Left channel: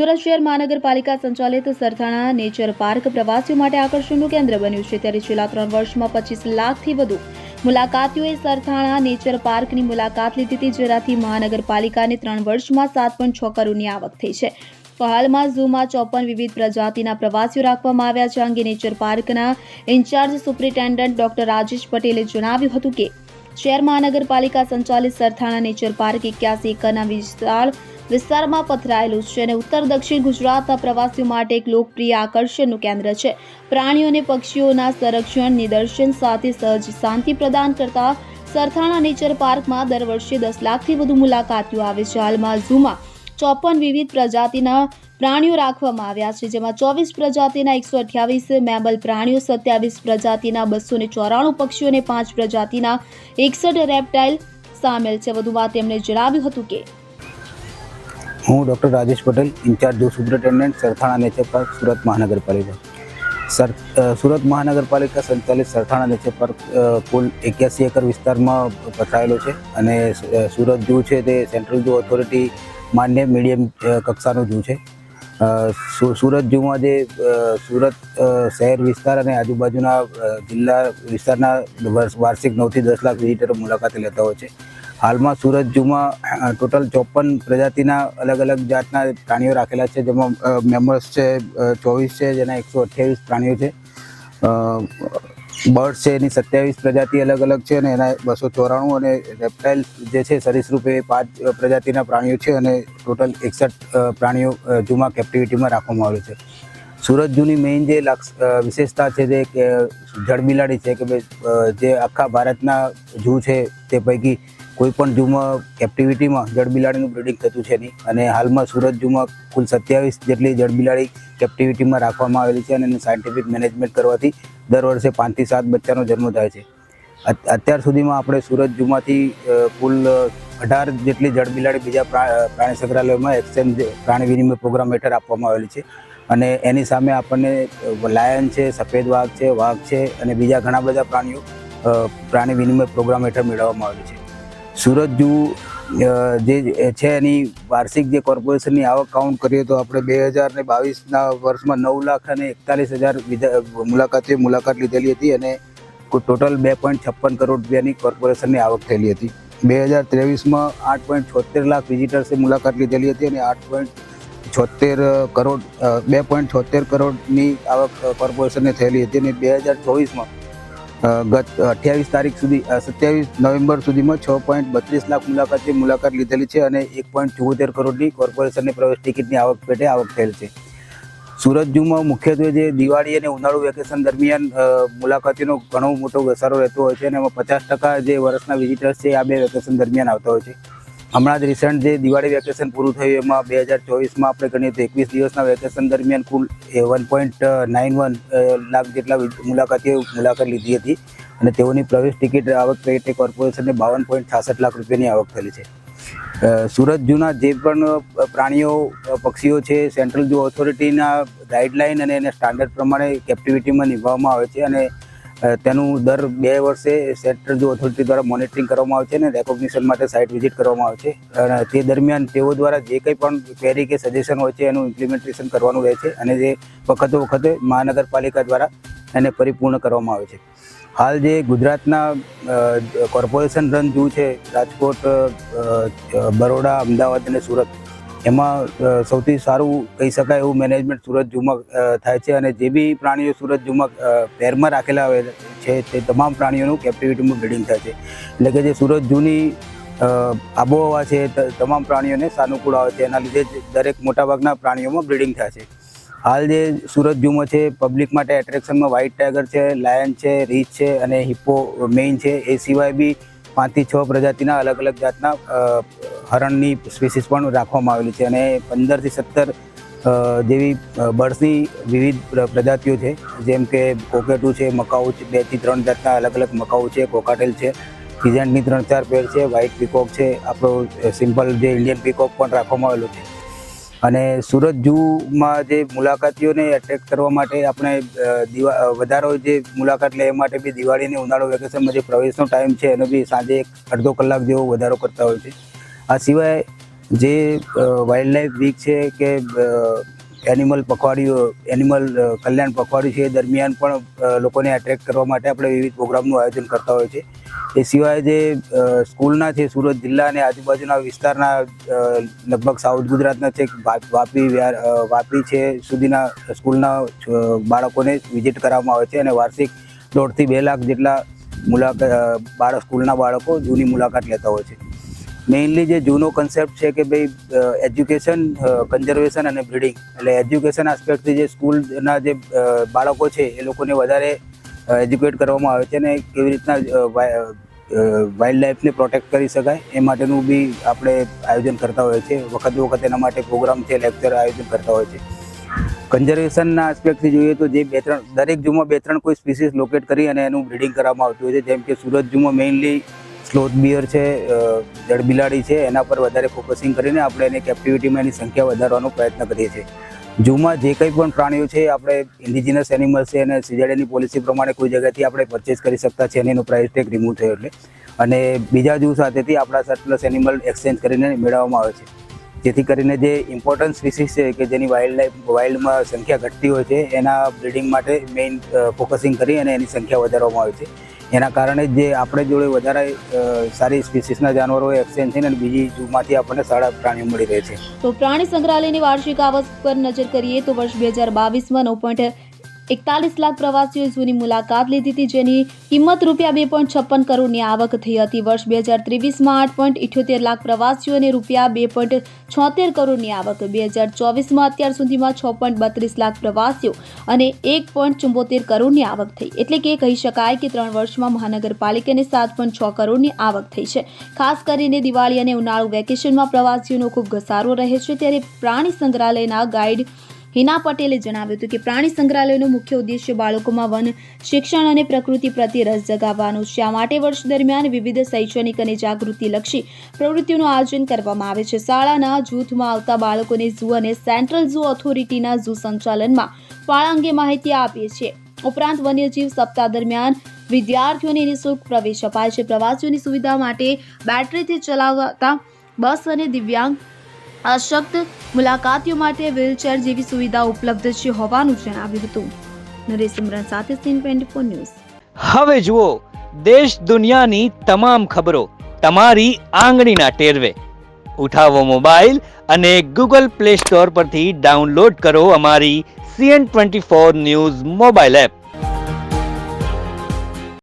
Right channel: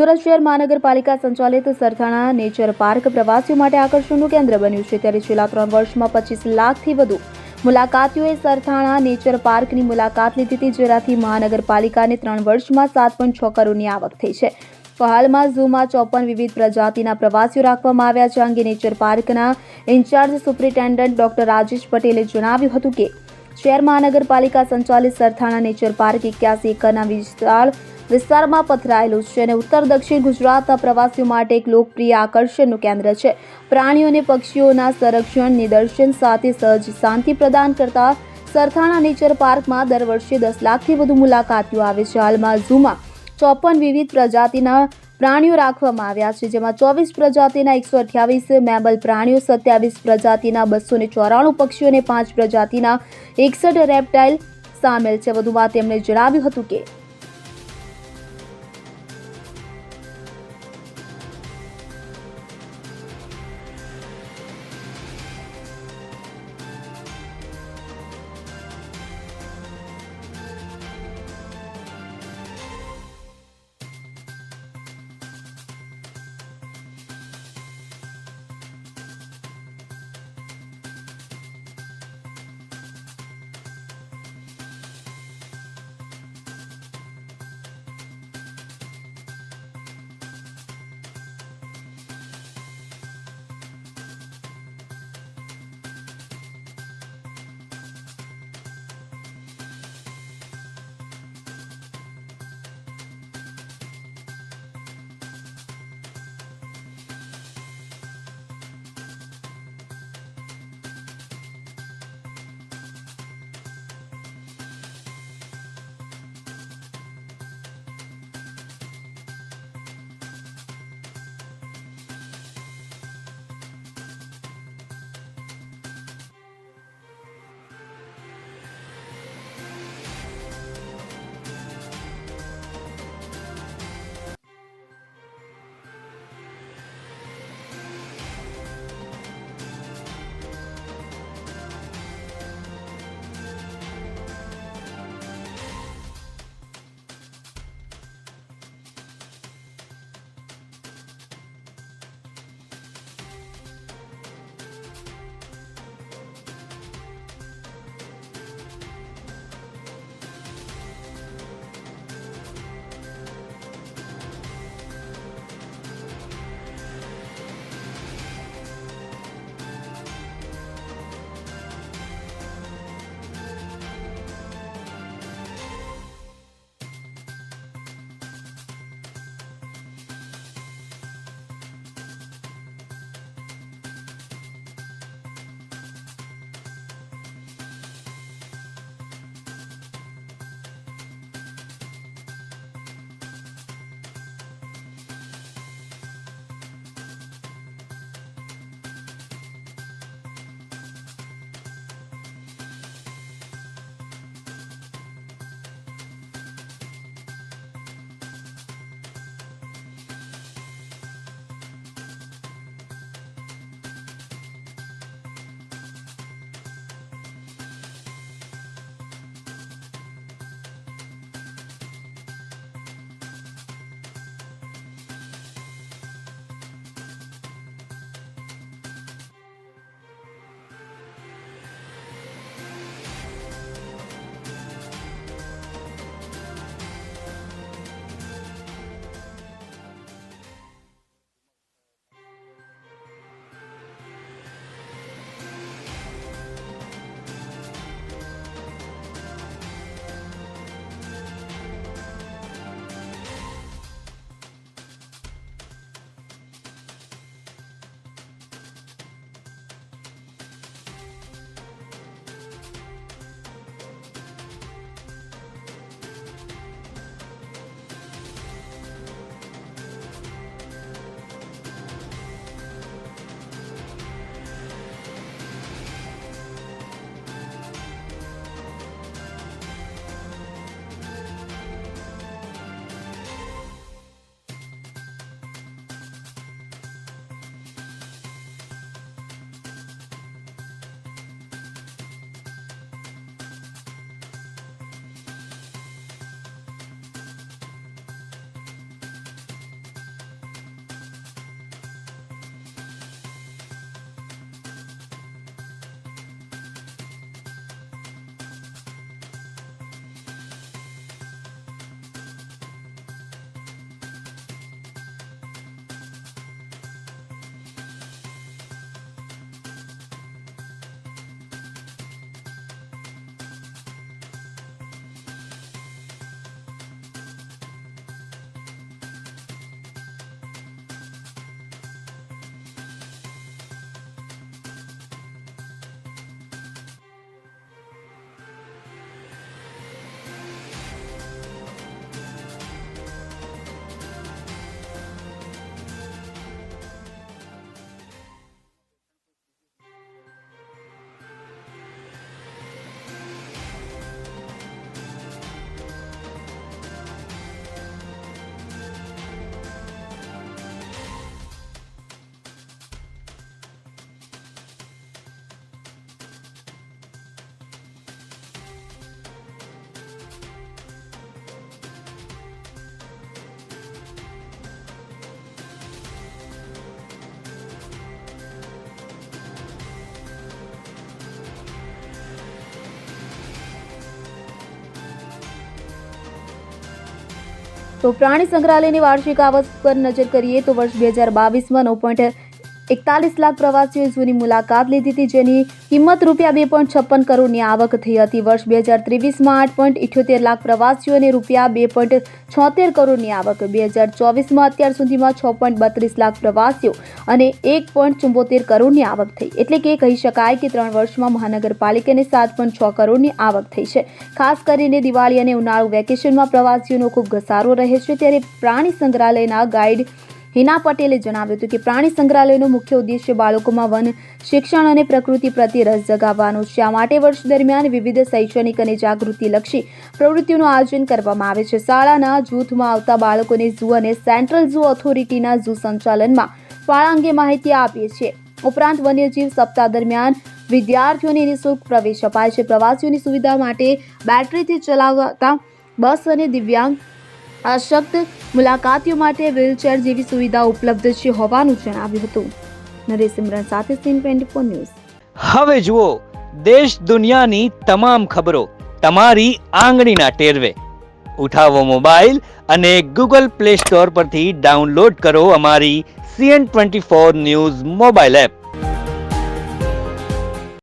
સુરત શહેર મહાનગરપાલિકા સંચાલિત સરથાણા નેચર પાર્ક પ્રવાસીઓ માટે આકર્ષણનું કેન્દ્ર બન્યું છે। ત્યારે છેલ્લા 3 વર્ષમાં 25 લાખથી વધુ મુલાકાતીઓએ સરથાણા નેચર પાર્કની મુલાકાત લીધી હતી, જેનાથી મહાનગરપાલિકાને 3 વર્ષમાં 7.6 કરોડની આવક થઈ છે। તો હાલમાં ઝૂમાં 54 વિવિધ પ્રજાતિના પ્રવાસીઓ રાખવામાં આવ્યા છે। આ અંગે નેચર પાર્કના ઇન્ચાર્જ સુપ્રિન્ટેન્ડન્ટ ડોક્ટર રાજેશ પટેલે જણાવ્યું હતું કે શહેર મહાનગરપાલિકા સંચાલિત સરથાણા નેચર પાર્ક 81 એકરના વિસ્તારમાં પથરાયેલું છે અને ઉત્તર દક્ષિણ ગુજરાતના પ્રવાસીઓ માટે એક લોકપ્રિય આકર્ષણનું કેન્દ્ર છે। પ્રાણીઓ અને પક્ષીઓના સંરક્ષણ નિદર્શન સાથે સહજ શાંતિ પ્રદાન કરતા સરથાણા નેચર પાર્કમાં દર વર્ષે 10 લાખથી વધુ મુલાકાતીઓ આવે છે। હાલમાં ઝૂમાં 54 વિવિધ પ્રજાતિના પ્રાણીઓ રાખવામાં આવ્યા છે, જેમાં 24 પ્રજાતિના 128 મેમલ પ્રાણીઓ, 27 પ્રજાતિના 294 પક્ષીઓ અને 5 પ્રજાતિના 61 રેપ્ટાઇલ સામેલ છે। વધુમાં તેમણે જણાવ્યું હતું કે હું doctor Rajesh Patel, in charge superintendent Sarthana nature park, Surat મહાનગરપાલિકા। સુરત મહાનગરપાલિકા સંચાલિત સરથાણા નેચર પાર્ક કુલ 81 એકર વિસ્તારમાં પથરાયેલો છે અને સુરત ઝૂ છે તે સેન્ટ્રલ ઝૂ ઓથોરિટી માન્ય મીડિયમ કક્ષાનું ઝૂ છે। સુરત ઝૂમાં જે સુરત શહેર વિસ્તાર અને આજુબાજુના જિલ્લા વિસ્તારના વાર્ષિક 9 થી 10 લાખ વિઝિટરો મુલાકાતે લેતા હોય છે। હાલમાં સુરત ઝૂમાં ટોટલ 54 પ્રજાતિના અલગ અલગ જાતના પ્રાણીઓ રાખેલા છે, જેમાં મેમલ્સ છે 24 છે, જેના 128 પ્રાણીઓ છે। બર્ડ્સ છે એની 27 પ્રજાતિ અલગ અલગ છે અને એના 294, અને રેપ્ટાઇલ જે છે સરીસૃપ એ 5 પ્રજાતિના પ્રાણીઓ છે અને ટોટલ 61 પ્રાણીઓ ઝૂમાં કેપ્ટિવિટીમાં રાખવામાં આવે છે। સુરત ઝૂની મેઇન જે વિશેષતા છે તે જળબિલાડી છે કે જે આખા ભારતના ઝૂ છે તે પૈકી કોઈ પણ ઝૂમાં કેપ્ટિવિટીમાં જળબિલાડીનું બ્રીડિંગ થતું છે નહીં, અને હાલમાં સુરત ઝૂમાં કુલ 27 જેટલી જળબિલાડી કેપ્ટિવિટીમાં રાખવામાં આવેલી છે અને એનું સાયન્ટિફિક મેનેજમેન્ટ કરવાથી દર વર્ષે 5 થી 7 બચ્ચાનો જન્મ થાય છે। અત્યાર સુધીમાં આપણે સુરત ઝૂમાંથી કુલ 18 જેટલી જળબિલાડી બીજા પ્રાણી સંગ્રહાલયોમાં એક્સચેન્જ પ્રાણી વિનિમય પ્રોગ્રામ હેઠળ આપવામાં આવેલી છે, અને એની સામે આપણને લાયન છે, સફેદ વાઘ છે અને બીજા ઘણા બધા પ્રાણીઓ પ્રાણી વિનિમય પ્રોગ્રામ હેઠળ મેળવવામાં આવેલી છે। સુરત ઝૂ જે છે એની વાર્ષિક જે કોર્પોરેશનની આવક કાઉન્ટ કરીએ તો આપણે 2022ના વર્ષમાં 9,41,000 મુલાકાતીઓએ મુલાકાત લીધેલી હતી અને ટોટલ 2.56 કરોડ રૂપિયાની કોર્પોરેશનની આવક થયેલી હતી। 2023માં 8.76 લાખ વિઝિટર્સે મુલાકાત લીધેલી હતી અને 2.76 કરોડની આવક કોર્પોરેશનને થયેલી હતી, અને 2024માં ગત 27 નવેમ્બર સુધીમાં 6.32 લાખ મુલાકાતીએ મુલાકાત લીધેલી છે અને 1.74 કરોડની કોર્પોરેશનની પ્રવેશ ટિકિટની આવક પેટે આવક થયેલ છે। સુરત ઝૂમાં મુખ્યત્વે જે દિવાળી અને ઉનાળુ વેકેશન દરમિયાન મુલાકાતીનો ઘણો મોટો ઘસારો રહેતો હોય છે અને એમાં 50% જે વર્ષના વિઝિટર્સ છે આ બે વેકેશન દરમિયાન આવતા હોય છે। હમણાં જ રિસન્ટ જે દિવાળી વેકેશન પૂરું થયું એમાં 2024માં આપણે ગણીએ તો 21 દિવસના વેકેશન દરમિયાન કુલ 1.91 લાખ જેટલા મુલાકાતીઓ મુલાકાત લીધી હતી અને તેઓની પ્રવેશ ટિકિટ આવક પેટે કોર્પોરેશનને 52.66 લાખ રૂપિયાની આવક થયેલી છે। સુરત ઝૂના જે પણ પ્રાણીઓ પક્ષીઓ છે સેન્ટ્રલ ઝૂ ઓથોરિટીના ગાઈડલાઇન અને એના સ્ટાન્ડર્ડ પ્રમાણે કેપ્ટિવિટીમાં નિભાવવામાં આવે છે અને તેનું દર 2 વર્ષે સેન્ટ્રલ ઝૂ ઓથોરિટી દ્વારા મોનિટરિંગ કરવામાં આવે છે અને રેકોગ્નિશન માટે સાઇટ વિઝિટ કરવામાં આવે છે, અને તે દરમિયાન તેઓ દ્વારા જે કંઈ પણ ક્વેરી કે સજેશન હોય છે એનું ઇમ્પ્લિમેન્ટેશન કરવાનું રહે છે અને જે વખતે મહાનગરપાલિકા દ્વારા એને પરિપૂર્ણ કરવામાં આવે છે। હાલ જે ગુજરાતના કોર્પોરેશન રન ઝૂ છે રાજકોટ, બરોડા, અમદાવાદ અને સુરત, એમાં સૌથી સારું કહી શકાય એવું મેનેજમેન્ટ સુરત ઝૂમાં થાય છે અને જે બી પ્રાણીઓ સુરત ઝૂમાં પેરમાં રાખેલા છે તે તમામ પ્રાણીઓનું કેપ્ટિવિટીમાં બ્રીડિંગ થાય છે, એટલે કે જે સુરત ઝૂની આબોહવા છે તમામ પ્રાણીઓને સાનુકૂળ આવે છે, એના લીધે જ દરેક મોટાભાગના પ્રાણીઓમાં બ્રીડિંગ થાય છે। હાલ જે સુરત ઝૂમાં છે પબ્લિક માટે એટ્રેક્શનમાં વ્હાઇટ ટાઈગર છે, લાયન છે, રીચ છે અને હિપ્પો મેઇન છે, એ સિવાય બી 5 થી 6 પ્રજાતિના અલગ અલગ જાતના હરણની સ્પીસીસ પણ રાખવામાં આવેલી છે અને 15 થી 17 જેવી બર્ડ્સની વિવિધ પ્રજાતિઓ છે, જેમ કે કોકેટુ છે, મકાઉ છે, 2 થી 3 જાતના અલગ અલગ મકાઉ છે, કોકાટેલ છે, ફિઝેન્ટની 3-4 પેર છે, વ્હાઇટ પીકોક છે, આપણો સિમ્પલ જે ઇન્ડિયન પીકોક પણ રાખવામાં આવેલો છે। અને સુરત ઝૂમાં જે મુલાકાતીઓને એટ્રેક્ટ કરવા માટે આપણે વધારો જે મુલાકાત લે એ માટે બી દિવાળી અને ઉનાળુ વેકેશનમાં જે પ્રવેશનો ટાઈમ છે એનો બી સાંજે 1-1.5 કલાક જેવો વધારો કરતા હોય છે। આ સિવાય જે વાઇલ્ડ લાઈફ વીક છે કે એનિમલ કલ્યાણ પખવાડિયું છે એ દરમિયાન પણ લોકોને એટ્રેક્ટ કરવા માટે આપણે વિવિધ પ્રોગ્રામનું આયોજન કરતા હોય છે. એ સિવાય જે સ્કૂલના છે સુરત જિલ્લા અને આજુબાજુના વિસ્તારના લગભગ સાઉથ ગુજરાતના છે વાપી છે સુધીના સ્કૂલના બાળકોને વિઝિટ કરવામાં આવે છે અને વાર્ષિક 1.5 થી 2 લાખ જેટલા સ્કૂલના બાળકો ઝૂની મુલાકાત લેતા હોય છે. મેઇનલી જે ઝૂનો કન્સેપ્ટ છે કે ભાઈ એજ્યુકેશન, કન્ઝર્વેશન અને બ્રીડિંગ, એટલે એજ્યુકેશન આસ્પેક્ટથી જે સ્કૂલના જે બાળકો છે એ લોકોને વધારે એજ્યુકેટ કરવામાં આવે છે અને કેવી રીતના વાઇલ્ડ લાઈફને પ્રોટેક્ટ કરી શકાય એ માટેનું બી આપણે આયોજન કરતા હોઈએ છીએ. વખત એના માટે પ્રોગ્રામ છે, લેક્ચર આયોજન કરતા હોય છે. કન્ઝર્વેશનના આસ્પેક્ટથી જોઈએ તો જે દરેક ઝૂમાં 2-3 કોઈ સ્પીસીસ લોકેટ કરી અને એનું બ્રીડિંગ કરવામાં આવતું હોય છે. જેમ કે સુરત ઝૂમાં મેઇનલી સ્લોથ બિયર છે, જળબિલાડી છે, એના પર વધારે ફોકસિંગ કરીને આપણે એની કેપ્ટિવિટીમાં એની સંખ્યા વધારવાનો પ્રયત્ન કરીએ છીએ. ઝૂમાં જે કંઈ પણ પ્રાણીઓ છે આપણે ઇન્ડિજિનસ એનિમલ્સ છે અને સીઝેડની પોલિસી પ્રમાણે કોઈ જગ્યાથી આપણે પરચેસ કરી શકતા છે અને એનો પ્રાઇસ ટેગ રિમૂવ થયો એટલે, અને બીજા ઝૂ સાથેથી આપણા સરપ્લસ એનિમલ એક્સચેન્જ કરીને મેળવવામાં આવે છે. જેથી કરીને જે ઇમ્પોર્ટન્ટ સ્પીસીસ છે કે જેની વાઇલ્ડમાં સંખ્યા ઘટતી હોય છે એના બ્રીડિંગ માટે મેઇન ફોકસિંગ કરી અને એની સંખ્યા વધારવામાં આવે છે. એના કારણે જે આપણે જોડે વધારે સારી સ્પીસીસના જાનવરો એક્સચેન્જ થઈને બીજી ઝૂમાંથી આપણને સારા પ્રાણીઓ મળી રહે છે. તો પ્રાણી સંગ્રહાલયની વાર્ષિક આવક પર નજર કરીએ તો વર્ષ 2022માં 9.41 લાખ પ્રવાસીઓએ ઝૂની મુલાકાત લીધી હતી, જેની કિંમત રૂપિયા 2.56 કરોડની આવક થઈ હતી. વર્ષ 2023માં 8.78 લાખ પ્રવાસીઓ અને રૂપિયા 2.76 કરોડની આવક. 2024માં અત્યાર સુધીમાં 6.32 લાખ પ્રવાસીઓ અને 1.74 કરોડની આવક થઈ. એટલે કે કહી શકાય કે 3 વર્ષમાં મહાનગરપાલિકાને 7.6 કરોડની આવક થઈ છે. ખાસ કરીને દિવાળી અને ઉનાળુ વેકેશનમાં પ્રવાસીઓનો ખૂબ ઘસારો રહે છે. ત્યારે પ્રાણી સંગ્રહાલયના ગાઈડ હિના પટેલે જણાવ્યું હતું કે પ્રાણી સંગ્રહાલયનો મુખ્ય ઉદ્દેશ્ય બાળકોમાં વન શિક્ષણ અને પ્રકૃતિ પ્રત્યે રસ જગાવવાનો છે. આ માટે વર્ષ દરમિયાન વિવિધ શૈક્ષણિક અને જાગૃતિલક્ષી પ્રવૃત્તિઓનું આયોજન કરવામાં આવે છે. શાળાના જૂથમાં આવતા બાળકોને ઝૂ અને સેન્ટ્રલ ઝૂ ઓથોરિટીના ઝૂ સંચાલનમાં ફાળા અંગે માહિતી આપીએ છીએ. ઉપરાંત વન્યજીવ સપ્તાહ દરમિયાન વિદ્યાર્થીઓને નિઃશુલ્ક પ્રવેશ અપાય છે. પ્રવાસીઓની સુવિધા માટે બેટરીથી ચલાવાતા બસ અને દિવ્યાંગ અશક્ત મુલાકાતીઓ માટે વ્હીલચેર જેવી સુવિધા ઉપલબ્ધ છે હોવાનું જણાવ્યું હતું. નરેશ સિમરન સાથે સીન 24 ન્યૂઝ. હવે જુઓ દેશ દુનિયાની તમામ ખબરો તમારી આંગળીના ટેરવે. ઉઠાવો મોબાઈલ અને ગૂગલ પ્લે સ્ટોર પરથી ડાઉનલોડ કરો અમારી CN24 ન્યૂઝ મોબાઈલ એપ.